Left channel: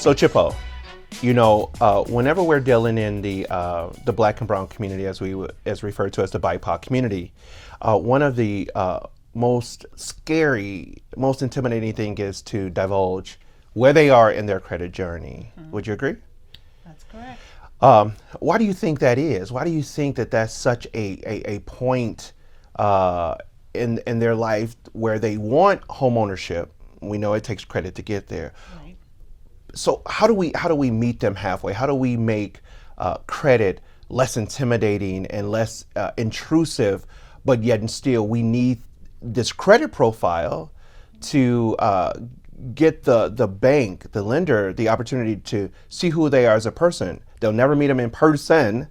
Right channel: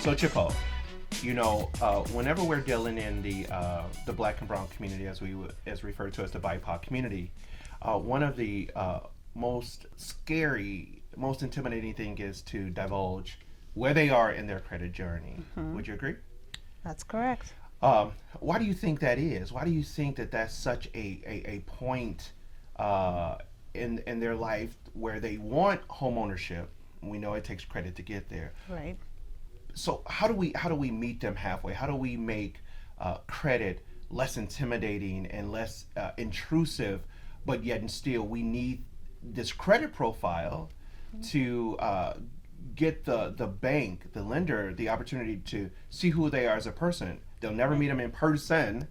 So Chipo, whenever we're dealing in the Black and Brown community, as referred to as the BIPOC community, one of the most scary, most intimidating thing is to divulge where they are in their credit journey. Would you agree? That's correct. Why do you think that is? Why do you think that that's such a point in their life where they want home ownership? We know it takes credit to get there. Right. So how do we meet them halfway? How do we make credit less intimidating and less intrusive, but yet and still we need this credit profile to get the bank, the lender, the opportunity to see who they are as a person. They'll never meet them in person,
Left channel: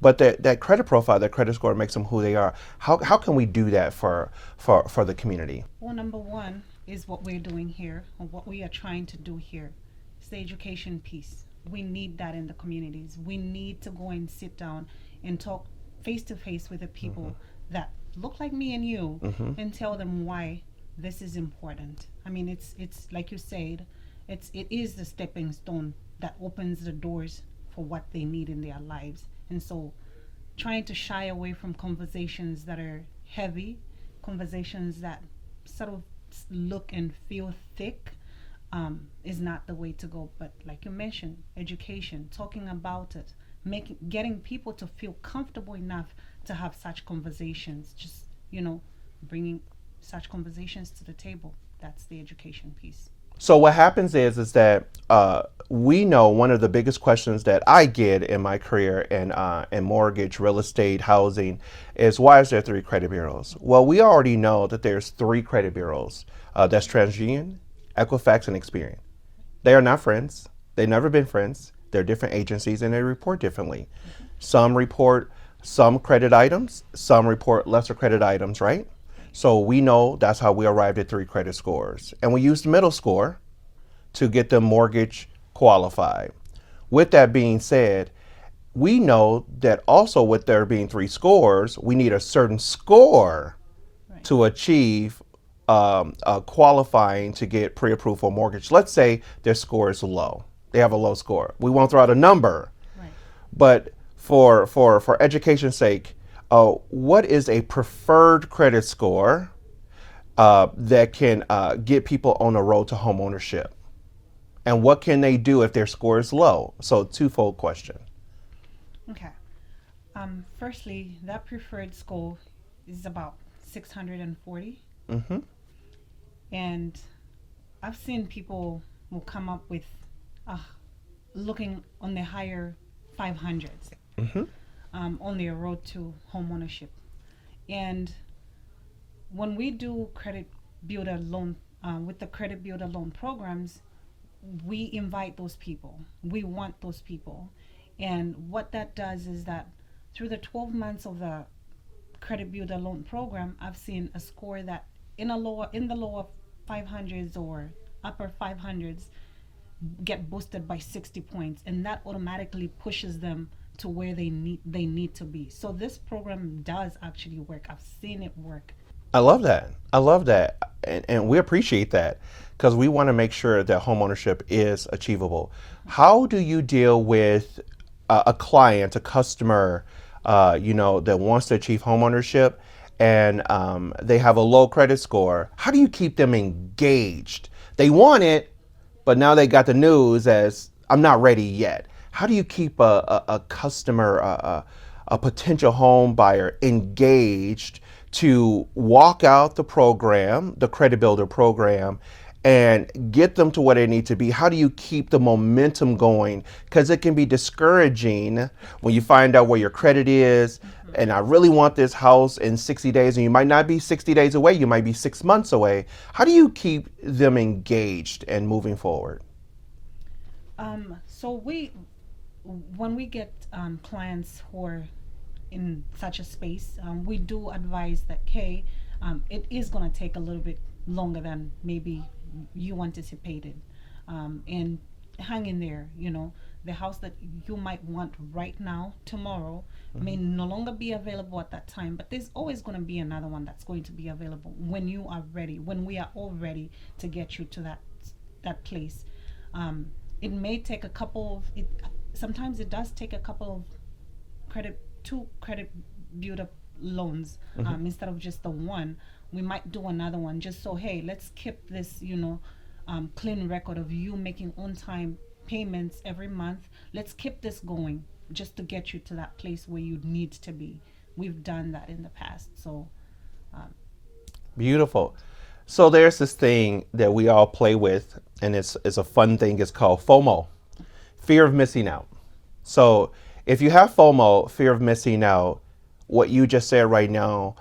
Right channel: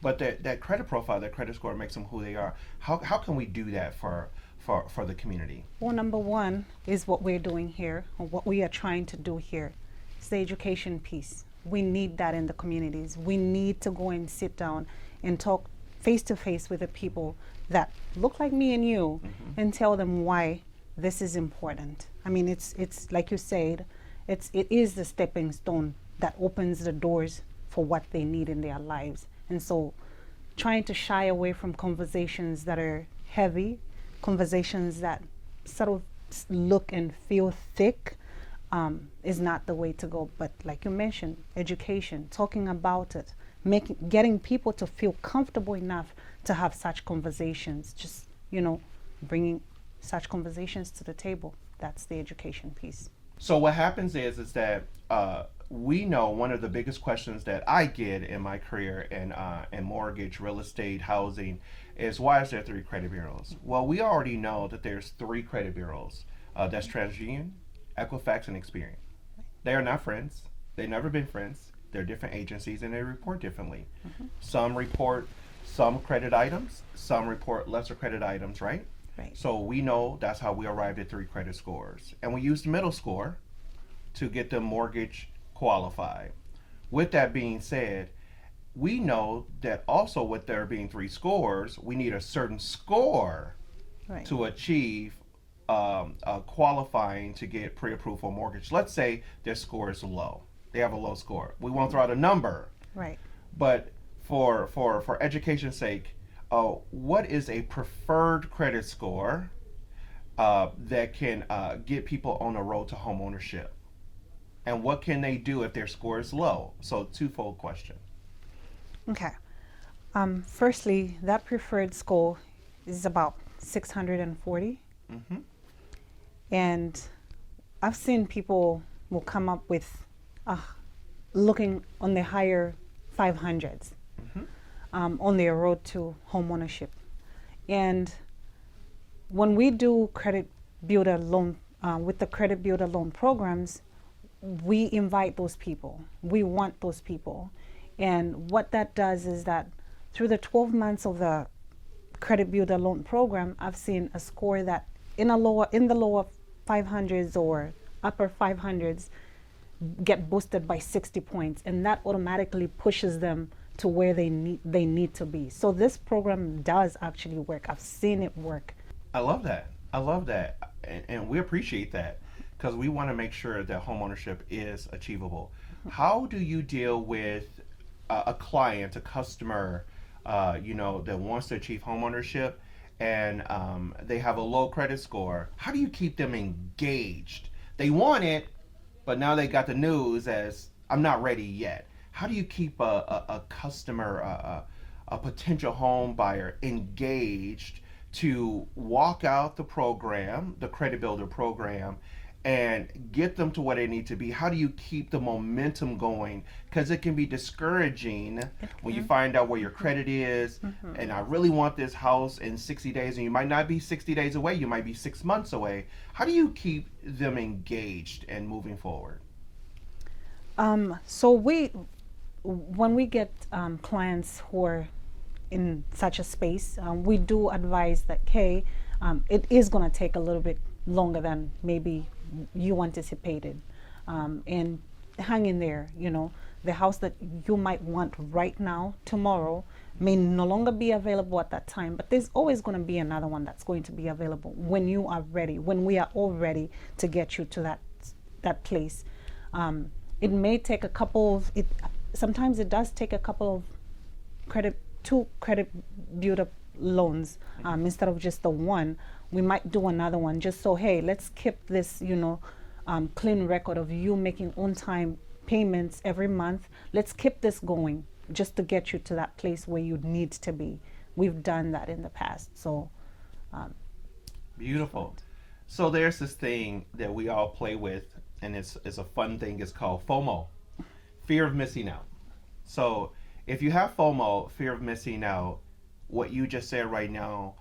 but that credit profile, that credit score makes them who they are. How can we do that for the community? Well, number one is what we're doing here, or what we are trying to do here. It's the education piece. We need that in the communities. We need to go and sit down and talk face to face with the people that look like me and you, and tell them why this is important. I mean, it's like you said, it is the stepping stone that opens the doors for what they need in their lives. And so trying to shy away from conversations that are heavy, conversations that sort of look and feel thick, is not the way to go. But like you mentioned, education, talking about it, getting people to feel comfortable enough to have such conversations, just, bringing such conversations to the table. That's the education piece. So what happens is that we know one of the biggest questions that I get in my career in mortgage, real estate, housing is, why is there 3 credit bureaus? Well, we already know that there's 3 credit bureaus. That's TransUnion, Equifax, and Experian. They are not friends. They've never been friends. They're different agencies and they report differently. Some report some credit items, some report lesser credit items, right? So we know that's how we arrived at 3 credit scores. And we used the middle score to get them mortgage qualified. With that being said, we know that also with there being 3 scores, we need a certain score to achieve qualifying to get pre-approved for mortgage. Let's say their score is low. They have a low score. We won't throw out a number. Right. But for education's sake, what is a preferred credit score that can get people on the road to home ownership? And what can they do if their score is low? So twofold question. Okay. Firstly, that preferred score is about 640. And I've seen people will come up with looking on the higher 500s. On their road to home ownership. And when we do credit builder loan, with the credit builder loan programs, we invite those people. We want those people. And what that does is that through the 12 months of the credit builder loan program, I've seen a score that in the lower 500s or upper 500s get boosted by 60 points, and that automatically pushes them to where they need to be. So this program does actually work. I've seen it work. I love that. And we appreciate that because we want to make sure that homeownership is achievable. How do you deal with a client, a customer, that wants to achieve homeownership and they have a low credit score? How do you keep them engaged? They want it, but now they got the news as, I'm not ready yet. How do you keep a customer, a potential home buyer engaged to walk out the program, the credit builder program, and get them to where they need to be? How do you keep the momentum going? Because it can be discouraging when you find out where your credit is, and I really want this house in 60 days, and you might not be 60 days away, you might be 6 months away. How do you keep them engaged and moving forward? So when we get clients who are in such a space, we do advise that, hey, it is going to take a little bit longer than maybe you anticipated, and hang in there. The house that you might want right now, tomorrow, may no longer be available at that time, but there's always going to be another one that's going to be available when you are ready, when we are all ready to get you to that place. It may take a couple of it. Sometimes it does take a couple of two credit build up loans, instead of just the one. We might do another one just so, hey, let's keep this, clean record of you making on time payments every month. Let's keep this going just to get you to that place where you need to be. We've done that in the past. So Beautiful. So there's this thing that we all play with, and it's a fun thing. It's called FOMO, fear of missing out. So if you have FOMO, fear of missing out, what you just said right now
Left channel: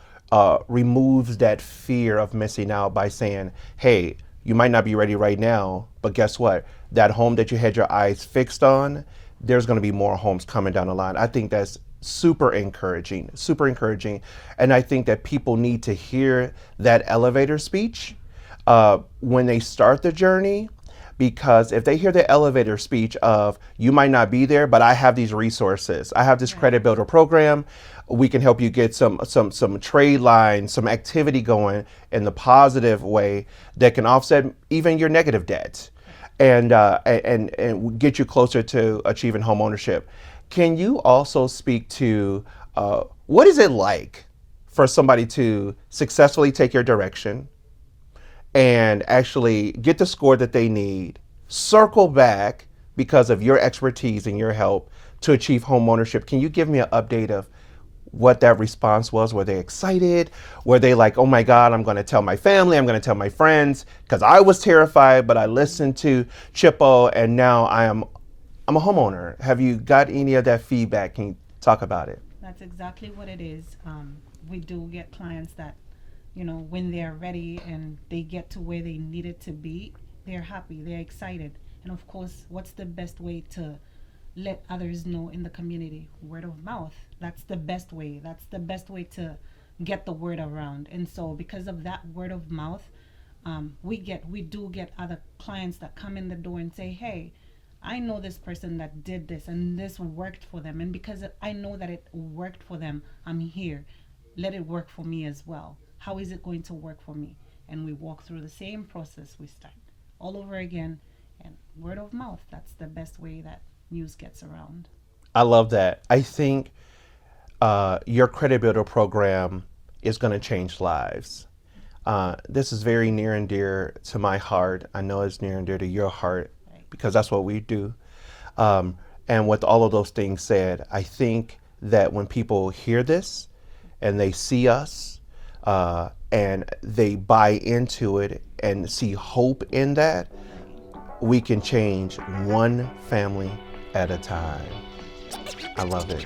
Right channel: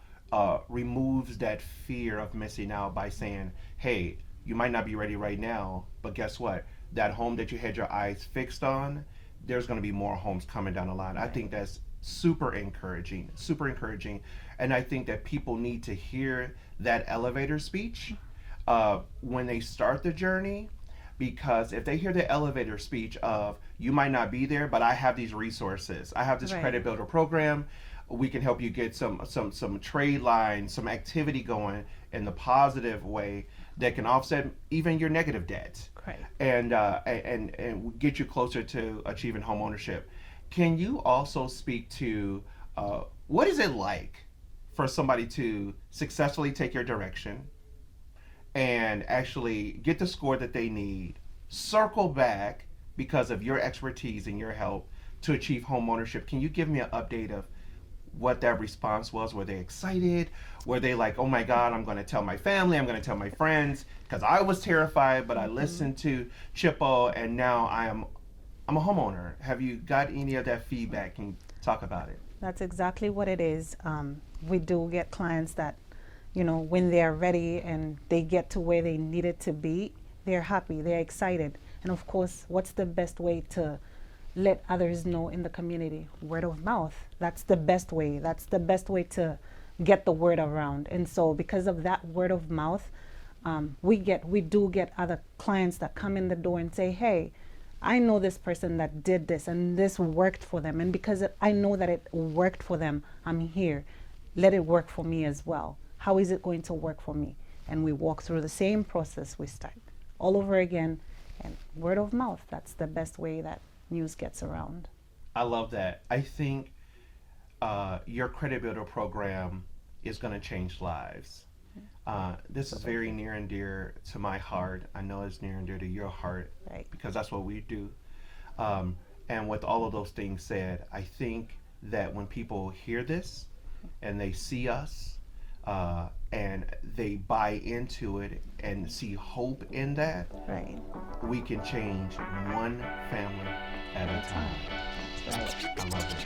removes that fear of missing out by saying, hey, you might not be ready right now, but guess what? That home that you had your eyes fixed on, there's going to be more homes coming down the line. I think that's super encouraging, super encouraging. And I think that people need to hear that elevator speech when they start the journey, because if they hear the elevator speech of, you might not be there, but I have these resources, I have this Right. credit builder program, we can help you get some trade lines, some activity going in the positive way that can offset even your negative debt, and get you closer to achieving home ownership. Can you also speak to what is it like for somebody to successfully take your direction and actually get the score that they need, circle back because of your expertise and your help to achieve home ownership? Can you give me an update of what that response was? Were they excited? Were they like, oh my God, I'm going to tell my family, I'm going to tell my friends, because I was terrified, but I listened to Chipo and now I'm a homeowner. Have you got any of that feedback? Can you talk about it? that's exactly what it is. We do get clients that, when they're ready and they get to where they needed to be, they're happy, they're excited. And of course, what's the best way to let others know in the community? Word of mouth. That's the best way. That's the best way to get the word around. And so because of that word of mouth, we do get other clients that come in the door and say, hey, I know this person that did this and this worked for them. And because I know that it worked for them, I'm here. Let it work for me as well. How is it going to work for me? And we walk through the same process. We start all over again. And word of mouth, that's the best way that news gets around. I love that. I think your credit builder program is going to change lives. This is very near and dear to my heart. I know it's near and dear to your heart, Right. because that's what we do. And with all of those things said, I think that when people hear this and they see us and they buy into it and see hope in that, Right. we can change one family at a time. I love it.